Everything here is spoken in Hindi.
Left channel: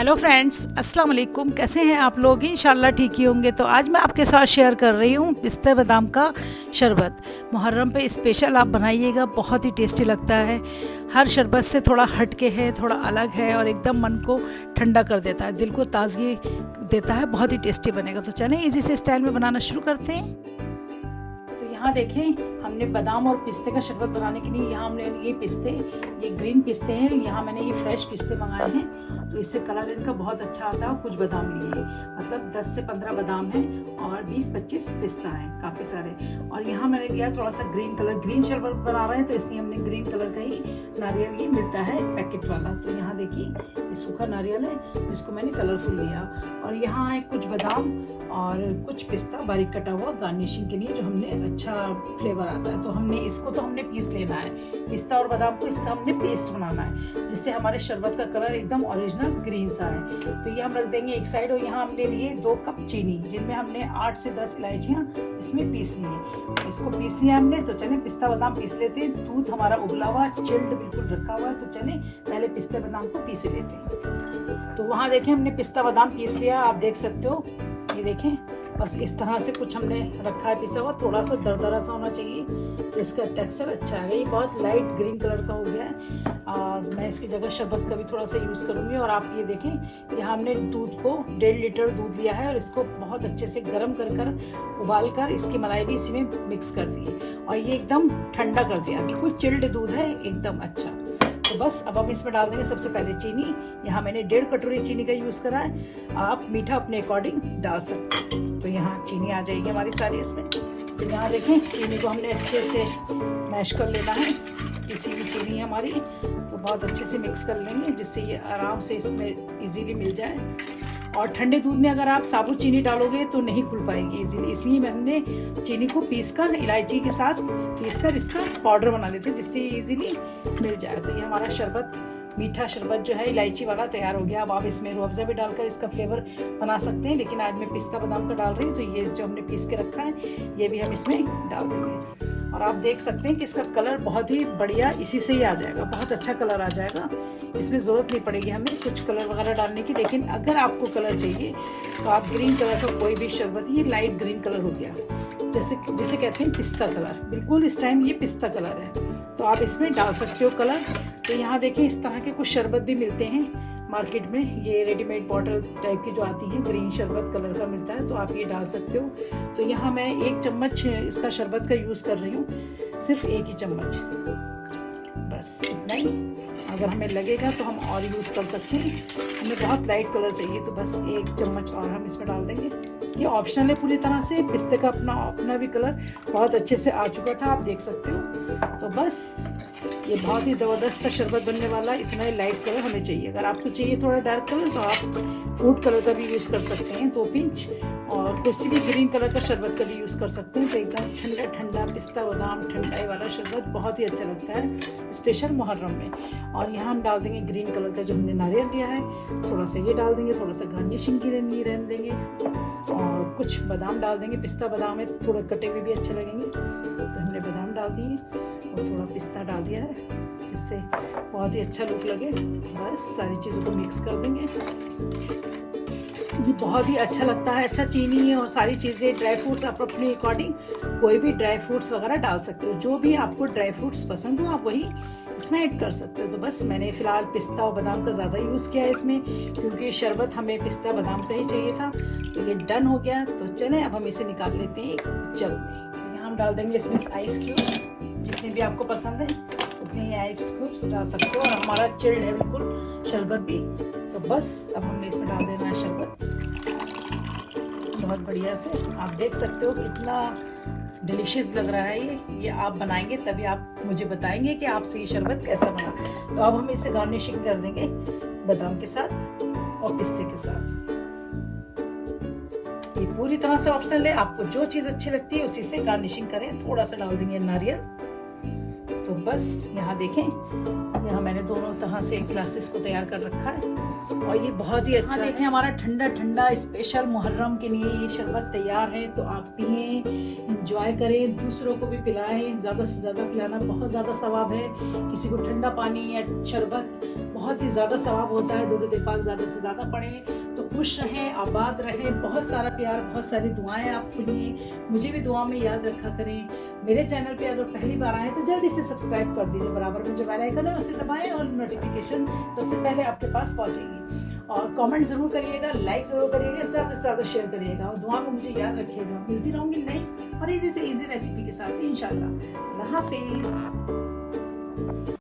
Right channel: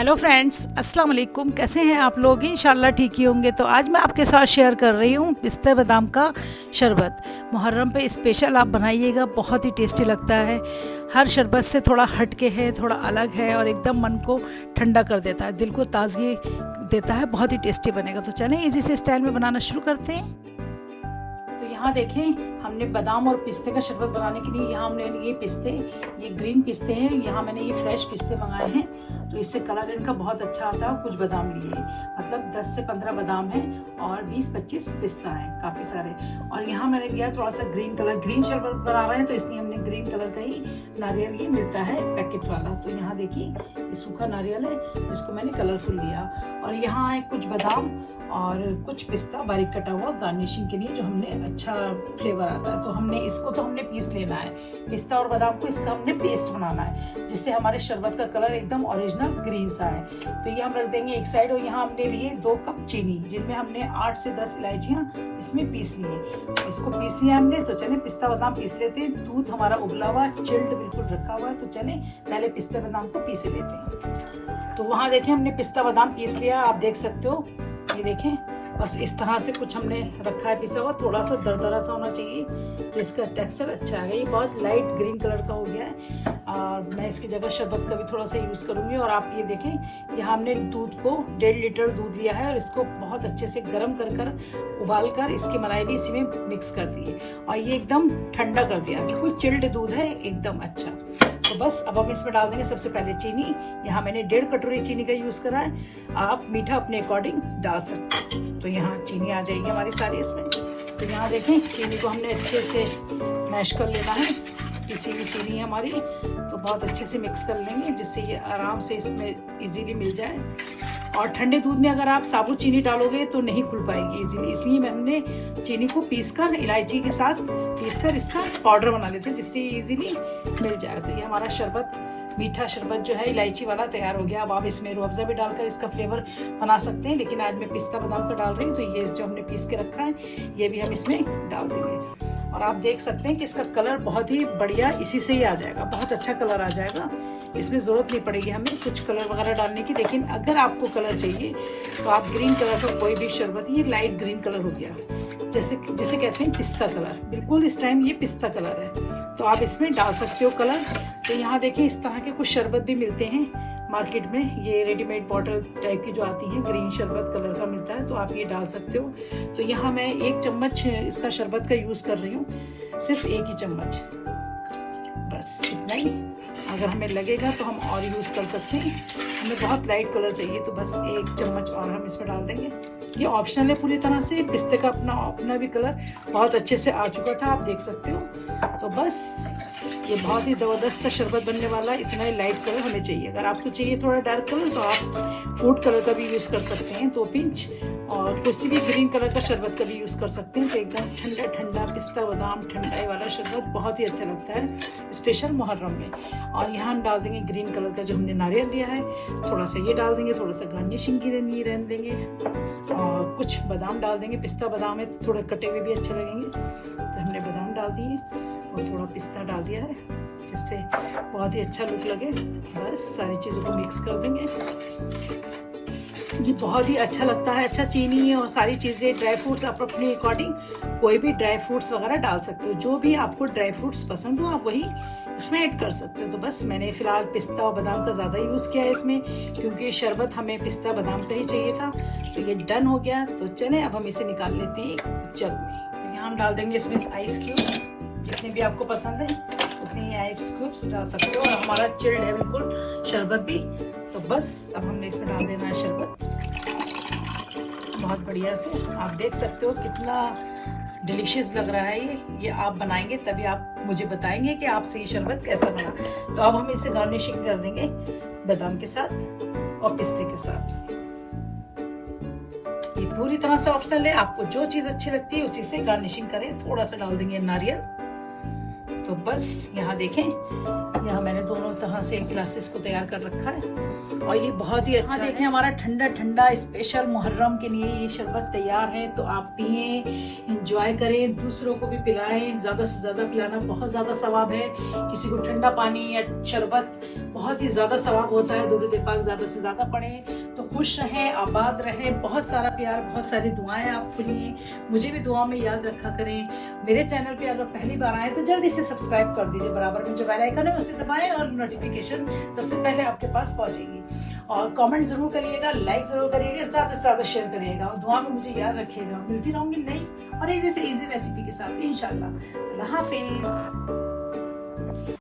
हेलो फ्रेंड्स, अस्सलाम वालेकुम। कैसे हैं आप लोग? इंशाल्लाह ठीक ही होंगे। तो आज मैं आपके साथ शेयर कर रही हूँ पिस्ते बादाम का शरबत। मुहर्रम पे स्पेशल आप बनाइएगा, बहुत ही टेस्टी लगता है। हर शरबत से थोड़ा हट के है, थोड़ा अलग है और एकदम मन को ठंडा कर देता है, दिल को ताजगी देता है। बहुत ही टेस्टी बनेगा। तो चलें इजी से स्टाइल में बनाना शुरू करते हैं। तो यहाँ देखें, हमने बादाम और पिस्ते का शरबत बनाने के लिए यहाँ हमने ये पिस्ते, ये ग्रीन पिस्ते हैं, यहाँ मैंने ये फ्रेश पिस्ते मंगाए हैं। तो इससे कलर इनका बहुत अच्छा आता है। कुछ बादाम लिए, मतलब 10 से 15 बादाम है और 20-25 पिस्ता है, काफ़ी सारे। और यहाँ मैंने लिया थोड़ा सा ग्रीन कलर, ग्रीन शरबत बना रहे हैं तो इसलिए हमने ग्रीन कलर का ही नारियल ये मिलता है पैकेट वाला। तो यहाँ देखिए, ये सूखा नारियल है, तो इसको मैंने कलरफुल लिया। और यहाँ है कुछ बादाम और कुछ पिस्ता बारीक कटा हुआ गार्निशिंग के लिए, जो हमने अच्छा फ्लेवर आता है। तो हमने इसको पीस लेना है, पिस्ता और बादाम को। इसका हमने पेस्ट बनाना है जिससे हमारे शरबत का कलर एकदम ओरिजिनल ग्रीन सा है। तो ये हम रख देंगे एक साइड। और यहाँ हमने लिए 2 कप चीनी, जिनमें हमने 8 से 10 इलायचियाँ इसमें पीस लिए। इसको पीस लिया हमने। तो चले पिस्ता बादाम पीस लेते हैं। दूध हमारा उबला हुआ, चिल्ड बिल्कुल रखा हुआ है। तो चले पहले पिस्ता बादाम को पीस लेते हैं। तो वहाँ देखें, हमने पिस्ता बादाम पीस लिया, आप देख सकते हो। ये देखें, बस इस तरह से कुछ हमने रखा है पिसा हुआ। थोड़ा सा दरदरा सा होना चाहिए तो इसका टेक्सचर अच्छा है। ये बहुत लाइट ग्रीन कलर का हो गया है। मैं इसकी जगह शरबत का भी थोड़ा सा यूज़ करूँगी। और आप ये देखें, यहाँ हमने दूध को 1.5 लीटर दूध लिया है और इसको बहुत अच्छे से गर्म कर उबाल कर इसकी मलाई भी इसी में मिक्स कर दी है। और ये एकदम ठंडा कर दिया, बिल्कुल चिल्ड दूध है, एकदम अच्छा। तो बस अब हम इसमें डाल देंगे सबसे पहले चीनी। यहाँ मैंने 1.5 कटोरी चीनी का यूज़ करा है। आप मीठा अपने अकॉर्डिंग डाल सकते हैं। तो यहाँ चीनी आ जाएगी हमारी सारी इसमें। तो यहाँ देखिए, चीनी को हमने अच्छे से मैश कर लेना है। पिसी हुई चीनी हमारी, तो बहुत अच्छे से मिक्स कर लेंगे जिससे ये आराम से इसमें इजीली मिल जाए। और ठंडे दूध में अगर आप साबुत चीनी डालोगे तो नहीं खुल पाएगी इजीली, इसलिए मैंने चीनी को पीसकर इलायची के साथ पीसकर इसका पाउडर बना लेते हैं जिससे इजीली मिल जाए। तो ये हमारा शरबत, मीठा शरबत जो है इलायची वाला तैयार हो गया। अब आप इसमें रूह अफ़ज़ा भी डालकर इसका फ्लेवर बना सकते हैं, लेकिन आज मैं पिस्ता बादाम का डाल रही हूँ। तो ये जो हमने पीस के रखा है ये भी हम इसमें डाल देंगे। और आप देख सकते हैं कि इसका कलर बहुत ही बढ़िया इसी से ही आ जाएगा, बहुत अच्छा कलर आ जाएगा। इसमें ज़रूरत नहीं पड़ेगी हमें कुछ कलर वगैरह डालने की। लेकिन अगर आपको कलर चाहिए तो आप ग्रीन कलर का कोई भी शरबत, ये लाइट ग्रीन कलर हो गया, जिसे कहते हैं पिस्ता कलर, बिल्कुल इस टाइम ये पिस्ता कलर है, तो आप इसमें डाल सकते हो कलर। तो यहाँ देखें, इस तरह के कुछ शरबत भी मिलते हैं मार्केट में, ये रेडीमेड बॉटल टाइप की जो आती है, ग्रीन शरबत कलर का मिलता है, तो आप ये डाल सकते हो। तो यहाँ मैं 1 चम्मच इसका शरबत का यूज़ कर रही हूँ, सिर्फ 1 ही चम्मच, बस इतना ही। अगर हमें लगेगा तो हम और यूज़ कर सकते हैं। हमें बहुत लाइट कलर चाहिए तो बस 1 चम्मच और हम इसमें डाल देंगे। ये ऑप्शनल है पूरी तरह से। पिस्ते का अपना भी कलर बहुत अच्छे से आ चुका था, आप देख सकते हो। तो बस ये बहुत ही ज़बरदस्त शरबत बनने वाला है। इतना ही लाइट कलर हमें चाहिए। अगर आपको चाहिए थोड़ा डार्क कलर तो आप फूड कलर का भी यूज़ कर सकते हैं, 2 पिंच। और किसी भी ग्रीन कलर का शरबत का भी यूज़ कर सकते हैं। तो एकदम ठंडा ठंडा पिस्ता बादाम ठंडाई वाला शरबत बहुत ही अच्छा लगता है, स्पेशल मुहर्रम में। और यहाँ हम डाल देंगे ग्रीन कलर का जो हमने नारियल लिया है, थोड़ा सा ये डाल देंगे, थोड़ा सा गार्निशिंग के लिए रहने देंगे। और कुछ बादाम डाल देंगे, पिस्ता बादाम है तो थोड़ा कटे हुए भी अच्छे लगेंगे। तो हमने बादाम डाल दिए और थोड़ा पिस्ता डाल दिया है जिससे बहुत ही अच्छा लुक लगे। बस सारी चीज़ों को मिक्स कर देंगे। ये बहुत ही अच्छा लगता है। अच्छा, चीनी और सारी चीज़ें, ड्राई फ्रूट्स आप अपने अकॉर्डिंग कोई भी ड्राई फ्रूट्स वगैरह डाल सकते हो। जो भी आपको ड्राई फ्रूट्स पसंद हो आप वही इसमें ऐड कर सकते हो। तो बस मैंने फ़िलहाल पिस्ता और बादाम का ज़्यादा यूज़ किया है इसमें, क्योंकि शरबत हमें पिस्ता बादाम का ही चाहिए था। तो ये डन हो गया। तो चलें अब हम इसे निकाल लेते हैं एक जग में। तो यहाँ हम डाल देंगे इसमें आइस क्यूब्स, जितने भी आपको पसंद है उतने आइस क्यूब्स डाल सकते हो। और हमारा चिल्ड है बिल्कुल शरबत भी। तो बस अब हमने इसमें डाल देना है शरबत बहुत बढ़िया से। आप देख सकते हो कितना डिलीशियस लग रहा है ये आप बनाएंगे तभी आप मुझे बताएंगे कि आपसे ये शरबत कैसा बना। तो अब हम इसे गार्निशिंग कर देंगे बादाम के साथ और पिस्ते के साथ। ये पूरी तरह से ऑप्शनल है, आपको जो चीज़ अच्छी लगती है उसी से गार्निशिंग करें। थोड़ा सा डाल देंगे नारियल। तो बस यहाँ देखें, यहाँ मैंने दोनों तरह तरह से एक गिलास इसको तैयार कर रखा है और ये बहुत ही अच्छा देखिए हमारा ठंडा ठंडा स्पेशल मुहर्रम के लिए ये शरबत तैयार है। तो आप पिए, इंजॉय करें, दूसरों को भी पिलाएं। ज़्यादा से ज़्यादा पिलाना बहुत ज़्यादा सवाब है। किसी को ठंडा पानी या शरबत बहुत ही ज़्यादा सवाब होता है। दुरूद पाक ज़्यादा से ज़्यादा पढ़ें। तो खुश रहें, आबाद रहें, बहुत सारा प्यार, बहुत सारी दुआएं आपके लिए। मुझे भी दुआ में याद रखा करें। मेरे चैनल पे अगर पहली बार आए तो जल्दी से सब्सक्राइब कर दीजिए। बराबर में जो बेल आइकन है उसे दबाएं और नोटिफिकेशन सबसे पहले आपके पास पहुंचेगी। और कमेंट जरूर करिएगा, लाइक जरूर करिएगा, ज़्यादा से ज़्यादा शेयर करिएगा और दुआ में मुझे याद रखिएगा। मिलती रहूंगी नई और इजी से इजी रेसिपी के साथ इंशाल्लाह। अल्लाह हाफिज।